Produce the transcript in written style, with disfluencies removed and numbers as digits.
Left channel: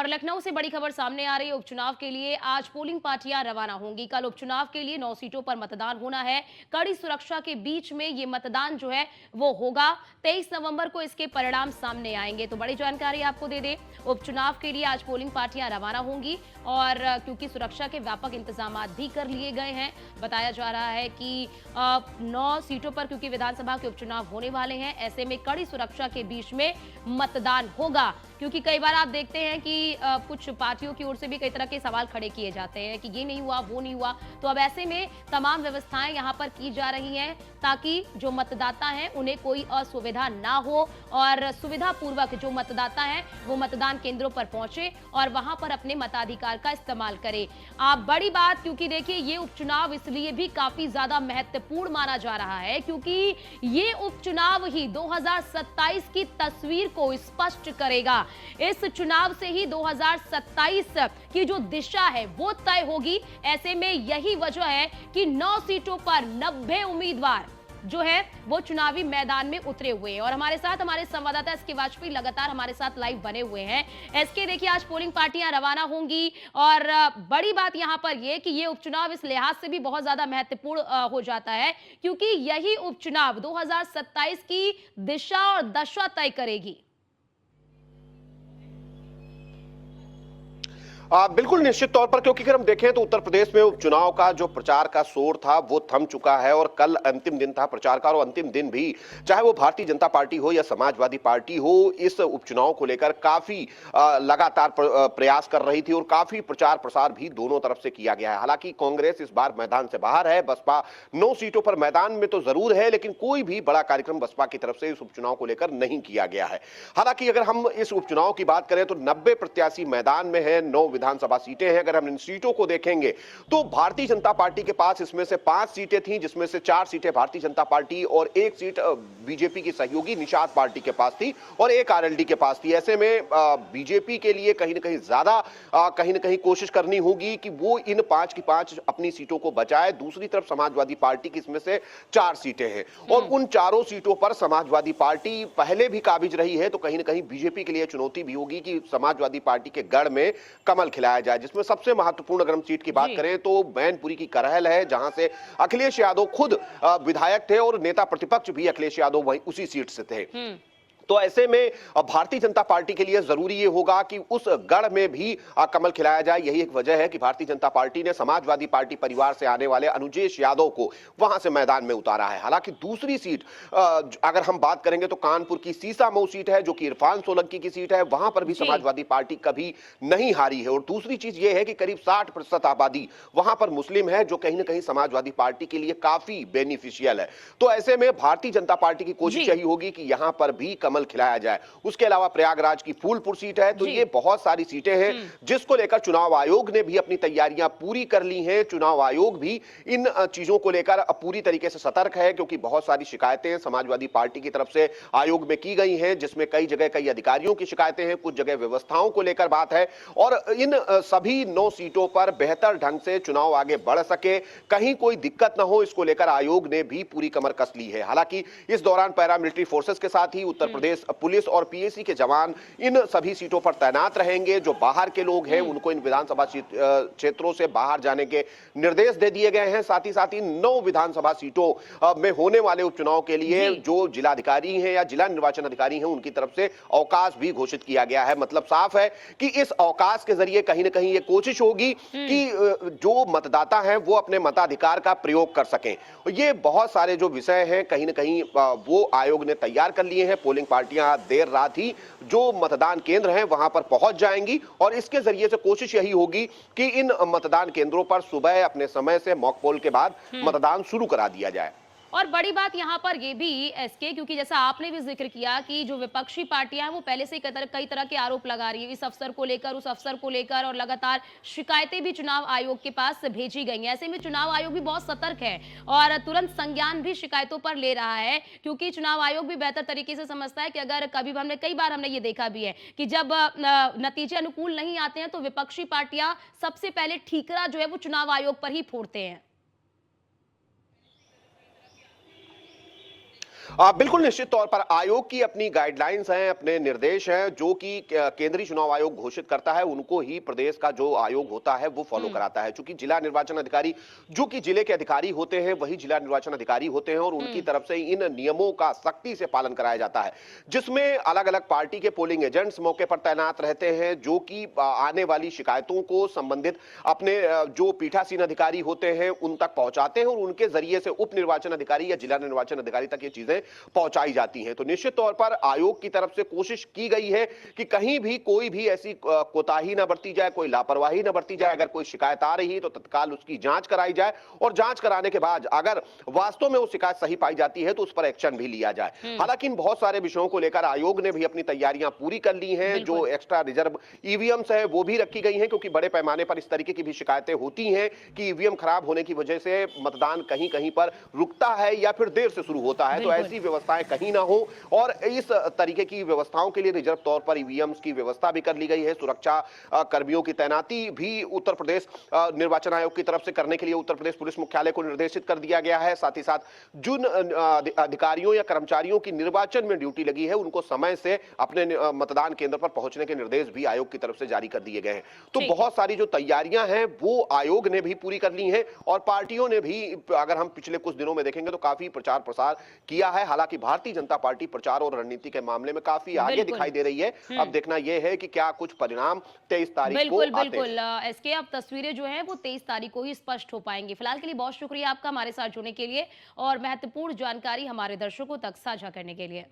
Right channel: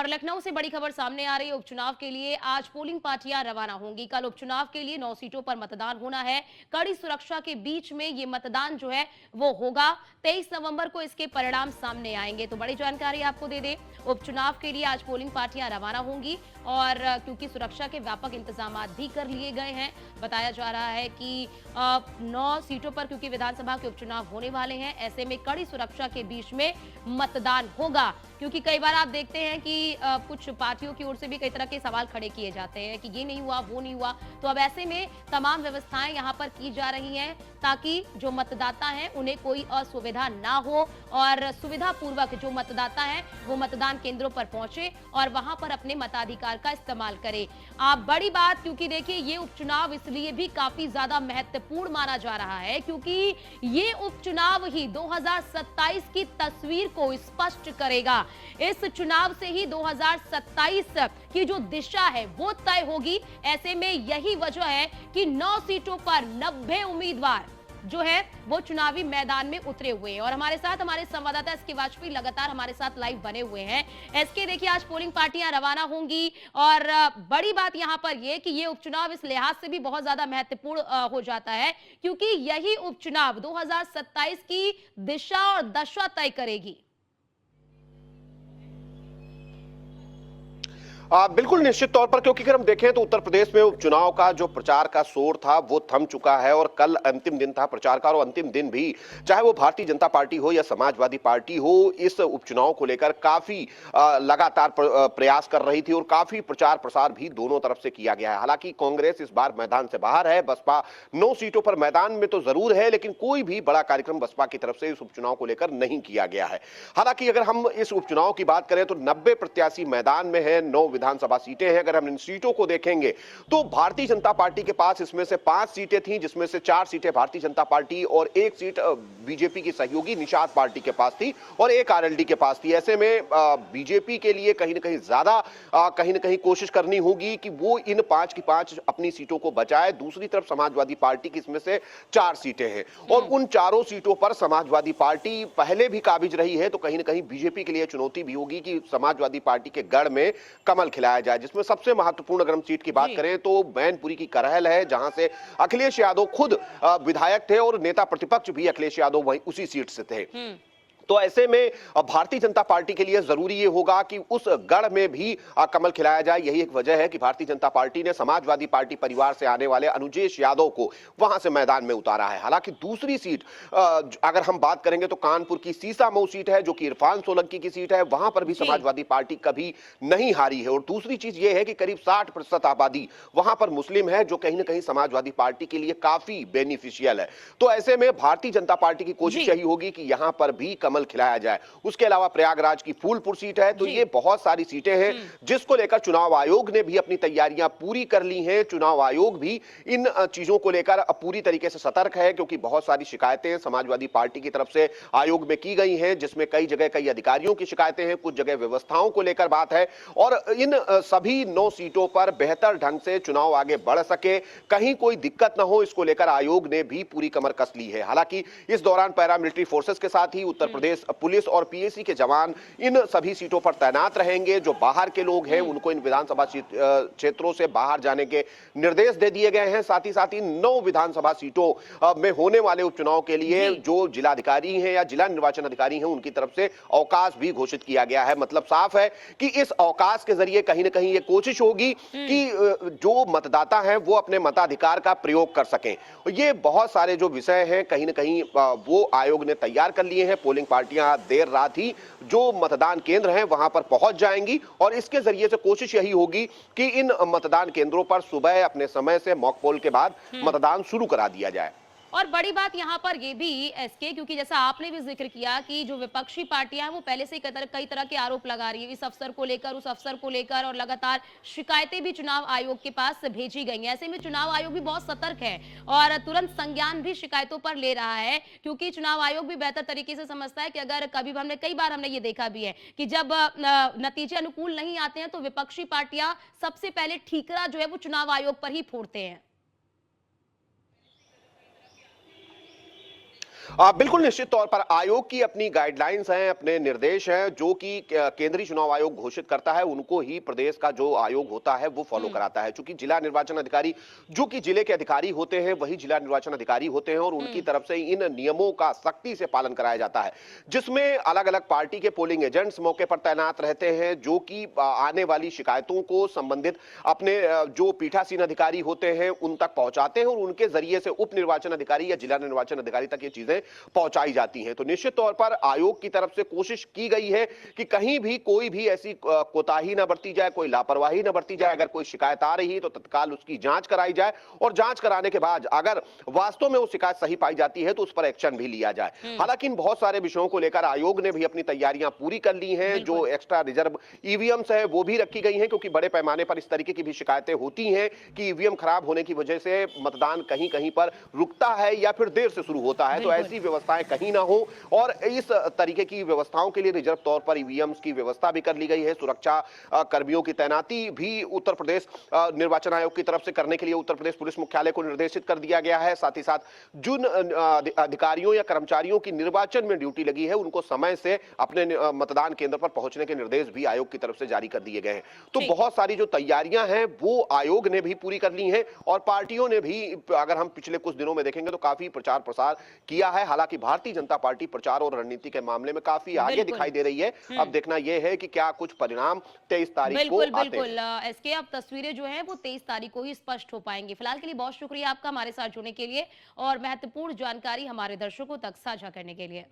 और लखनऊ से बड़ी खबर सामने आ रही है। उपचुनाव के लिए आज पोलिंग पार्टियां रवाना होंगी। कल उपचुनाव के लिए 9 सीटों पर मतदान होना है। कड़ी सुरक्षा के बीच में ये मतदान जो है वो होगा। 23 नवंबर को इसके परिणाम सामने आएंगे। तो बड़ी जानकारी आपको दे दें, उपचुनाव के लिए आज पोलिंग पार्टियां रवाना होंगी और क्योंकि सुरक्षा के व्यापक इंतजाम भी कर लिए गए हैं। बताया जा रहा है कि 9 सीटों पर क्योंकि विधानसभा के उपचुनाव होने वाले हैं, ऐसे में कड़ी सुरक्षा के बीच में मतदान होगा। क्योंकि कई बार आप देखते हैं कि कुछ पार्टियों की ओर से भी कई तरह के सवाल खड़े किए जाते हैं कि ये नहीं हुआ, वो नहीं हुआ। तो अब ऐसे में तमाम व्यवस्थाएं यहां पर की जा रही हैं ताकि जो मतदाता हैं उन्हें कोई असुविधा ना हो और सुविधा पूर्वक जो मतदाता है वो मतदान केंद्रों पर पहुंचे और वहां पर अपने मताधिकार का इस्तेमाल करे। बड़ी बात, क्योंकि देखिए ये उपचुनाव इसलिए भी काफी ज्यादा महत्वपूर्ण माना जा रहा है क्योंकि ये उपचुनाव ही 2027 की तस्वीर को स्पष्ट करेगा। इस चुनाव से ही 2027 की जो दिशा है वो तय होगी। ऐसे में यही वजह है कि 9 सीटों पर 90 उम्मीदवार जो है वो चुनावी मैदान में उतरे हुए हैं और हमारे साथ हमारे संवाददाता एसके वाजपेयी लगातार हमारे साथ लाइव बने हुए हैं। एसके, देखिए आज पोलिंग पार्टियां रवाना होंगी और बड़ी बात यहां पर यह कि ये उपचुनाव इस लिहाज से भी बहुत ज्यादा महत्वपूर्ण हो जाता है क्योंकि यही उपचुनाव 2027 की दिशा और दशा तय करेगी। बिल्कुल निश्चित तौर पर, क्योंकि अगर हम देखें तो उत्तर प्रदेश में उपचुनाव का जो प्रचार का शोर था वो थम चुका है और कल अंतिम दिन था प्रचार का। और अंतिम दिन भी चाहे वो भारतीय जनता पार्टी हो या समाजवादी पार्टी हो, इस उपचुनाव को लेकर काफी लगातार प्रयास कर रही थी और काफी प्रचार प्रसार भी दोनों तरफ से किया गया है। हालांकि कांग्रेस इस बार मैदान से बाहर है, बसपा 9 सीटों पर मैदान में तो जरूर है, लेकिन कोई भी बड़ा कार्यक्रम बसपा की तरफ से इस उपचुनाव को लेकर नहीं किया गया है। हालांकि अगर हम इस उपचुनाव की बात करें तो 90 प्रत्याशी मैदान में है, 9 विधानसभा सीटें हैं। अगर हम इन सीटों को देखेंगे तो भारतीय जनता पार्टी के पास इसमें से 5 सीटें थी, जिसमें से 4 सीटें भारतीय जनता पार्टी और 1 सीट बीजेपी की सहयोगी निषाद पार्टी के पास थी और 1 आरएलडी के पास थी। ऐसे में बीजेपी के लिए कहीं ना कहीं ज्यादा कहीं ना कहीं कोशिश करनी होगी कि वो इन 5 की 5 अपनी सीटों को बचाए। दूसरी तरफ समाजवादी पार्टी की इसमें से 4 सीटें हैं और उन चारों सीटों पर समाजवादी पार्टी पहले भी काबिज रही है, तो कहीं ना कहीं बीजेपी के लिए चुनौती भी होगी कि समाजवादी पार्टी के गढ़ में कमल खिलाया जाए। जिसमें सबसे महत्वपूर्ण अगर हम सीट की बात करें तो मैनपुरी की करहल है, जहां से अखिलेश यादव खुद विधायक थे और नेता प्रतिपक्ष भी अखिलेश यादव वही उसी सीट से थे। तो ऐसे में भारतीय जनता पार्टी के लिए जरूरी ये होगा कि उस गढ़ में भी कमल खिलाया जाए। यही एक वजह है कि भारतीय जनता पार्टी ने समाजवादी पार्टी परिवार से आने वाले अनुजेश यादव को वहां से मैदान में उतारा है। हालांकि दूसरी सीट अगर हम बात करेंगे तो कानपुर की सीसामऊ सीट है, जो कि इरफान सोलंकी की सीट है, वहां पर भी समाजवादी पार्टी कभी नहीं हारी है। और दूसरी चीज ये है कि करीब 60% आबादी वहां पर मुस्लिम है, जो कहीं ना कहीं समाजवादी पार्टी के लिए काफी बेनिफिशियल है। तो ऐसे में भारतीय जनता पार्टी की कोशिश यही होगी कि यहां पर भी कमल खिलाया जाए। उसके अलावा प्रयागराज की फूलपुर सीट है। तो ये बहुत सारी सीटें हैं जिसको लेकर चुनाव आयोग ने भी अपनी तैयारियां पूरी कर ली हैं। चुनाव आयोग भी इन चीजों को लेकर पूरी तरीके से सतर्क है, क्योंकि बहुत सारी शिकायतें समाजवादी पार्टी की तरफ से आयोग में की गई हैं, जिसमें कई जगह कई अधिकारियों की शिकायतें हैं, कुछ जगह व्यवस्थाओं को लेकर बात है। और इन सभी 9 सीटों पर बेहतर ढंग से चुनाव आगे बढ़ सके, कहीं कोई दिक्कत ना हो, इसको लेकर आयोग ने भी पूरी कमर कस ली है। हालांकि इस दौरान पैरामिलिट्री फोर्सेस के साथ ही उत्तर प्रदेश पुलिस और पीएसी के जवान इन सभी सीटों पर तैनात रहेंगे। जो बाहर के लोग हैं उनको इन विधानसभा क्षेत्रों से बाहर जाने के निर्देश दे दिए गए हैं। साथ ही 9 विधानसभा सीटों में होने वाले उपचुनाव के लिए जो जिलाधिकारी हैं या जिला निर्वाचन अधिकारी हैं उनकी तरफ से अवकाश भी घोषित किया गया है। मतलब साफ है कि इस अवकाश के जरिए कहीं ना कहीं ये कोशिश होगी कि जो मतदाता हैं वो अपने मताधिकार का प्रयोग कर सकें। ये बहुत सारे जो विषय हैं कहीं ना कहीं वो आयोग ने तैयार कर लिए हैं। पोलिंग पार्टियां देर रात ही जो मतदान केंद्र हैं वहां पर पहुंच जाएंगी और इसके जरिए से कोशिश यही होगी कि इन मतदान केंद्रों पर सुबह अपने समय से मॉक पोल के बाद मतदान शुरू करा दिया जाए। और बड़ी बात यहाँ पर ये भी एसके, क्योंकि जैसा आपने भी जिक्र किया कि जो विपक्षी पार्टियां हैं वो पहले से कई तरह के आरोप लगा रही है इस अफसर को लेकर, उस अफसर को लेकर, और लगातार शिकायतें भी चुनाव आयोग के पास भेजी गई हैं। ऐसे में चुनाव आयोग भी बहुत सतर्क है और तुरंत संज्ञान भी शिकायतों पर ले रहा है, क्योंकि चुनाव आयोग भी बेहतर तरीके से समझता है कि अगर कभी कई बार हमने ये देखा भी है कि जब नतीजे अनुकूल नहीं आते हैं तो विपक्षी पार्टियां सबसे पहले ठीकरा जो है वो चुनाव आयोग पर ही फोड़ते हैं। बिल्कुल निश्चित तौर पर आयोग की अपनी गाइडलाइंस हैं, अपने निर्देश हैं, जो कि केंद्रीय चुनाव आयोग घोषित करता है, उनको ही प्रदेश का जो आयोग होता है वो फॉलो कराता है। चूंकि जिला निर्वाचन अधिकारी जो कि जिले के अधिकारी होते हैं वही जिला निर्वाचन अधिकारी होते हैं और उनकी तरफ से इन नियमों का सख्ती से पालन कराया जाता है, जिसमें अलग अलग पार्टी के पोलिंग एजेंट्स मौके पर तैनात रहते हैं, जो कि आने वाली शिकायतों को संबंधित अपने जो पीठासीन अधिकारी होते हैं उन तक पहुंचाते हैं और उनके जरिए से उप निर्वाचन अधिकारी या जिला निर्वाचन अधिकारी तक ये चीजें पहुंचाई जाती हैं। तो निश्चित तौर पर आयोग की तरफ से कोशिश की गई है कि कहीं भी कोई भी ऐसी कोताही ना बरती जाए, कोई लापरवाही ना बरती जाए। अगर कोई शिकायत आ रही है तो तत्काल उसकी जांच कराई जाए और जांच कराने के बाद अगर वास्तव में वो शिकायत सही पाई जाती है तो उस पर एक्शन भी लिया जाए। हालांकि इन बहुत सारे विषयों को लेकर आयोग ने भी अपनी तैयारियां पूरी कर ली हैं। जो एक्स्ट्रा रिजर्व ईवीएम्स है वो भी रखी गई हैं, क्योंकि बड़े पैमाने पर इस तरीके की भी शिकायतें होती हैं कि ईवीएम खराब होने की वजह से मतदान कहीं कहीं पर रुकता है या फिर देर से शुरू होता है। तो ऐसी व्यवस्थाएं कहीं ना हो और इस तरीके की व्यवस्थाओं के लिए रिजर्व तौर पर ईवीएम्स की व्यवस्था भी कर ली गई है। सुरक्षा कर्मियों की तैनाती भी उत्तर प्रदेश निर्वाचन आयोग की तरफ से करने के लिए उत्तर प्रदेश पुलिस मुख्यालय को निर्देशित कर दिया गया है। साथ ही साथ जिन अधिकारियों या कर्मचारियों की निर्वाचन में ड्यूटी लगी है उनको समय से अपने मतदान केंद्र पर पहुंचने के निर्देश भी आयोग की तरफ से जारी कर दिए गए हैं। तो बहुत सारी जो तैयारियां हैं वो आयोग ने भी पूरी कर ली हैं और पार्टियों ने भी, अगर हम पिछले कुछ दिनों में देखेंगे तो काफी प्रचार प्रसार किया है। हालांकि भारतीय जनता पार्टी प्रचार और रणनीति के मामले में काफी आगे दिखाई दे रही है। अब देखना यह है कि क्या कुछ परिणाम 23 तारीख को आते हैं। बिल्कुल एसके, अब तस्वीरें जो हैं वो 23 तारीख को ही स्पष्ट हो पाएंगी। फिलहाल के लिए बहुत शुक्रिया आपका हमारे साथ जुड़ने के लिए और महत्वपूर्ण जानकारी हमारे दर्शकों तक साझा करने के लिए।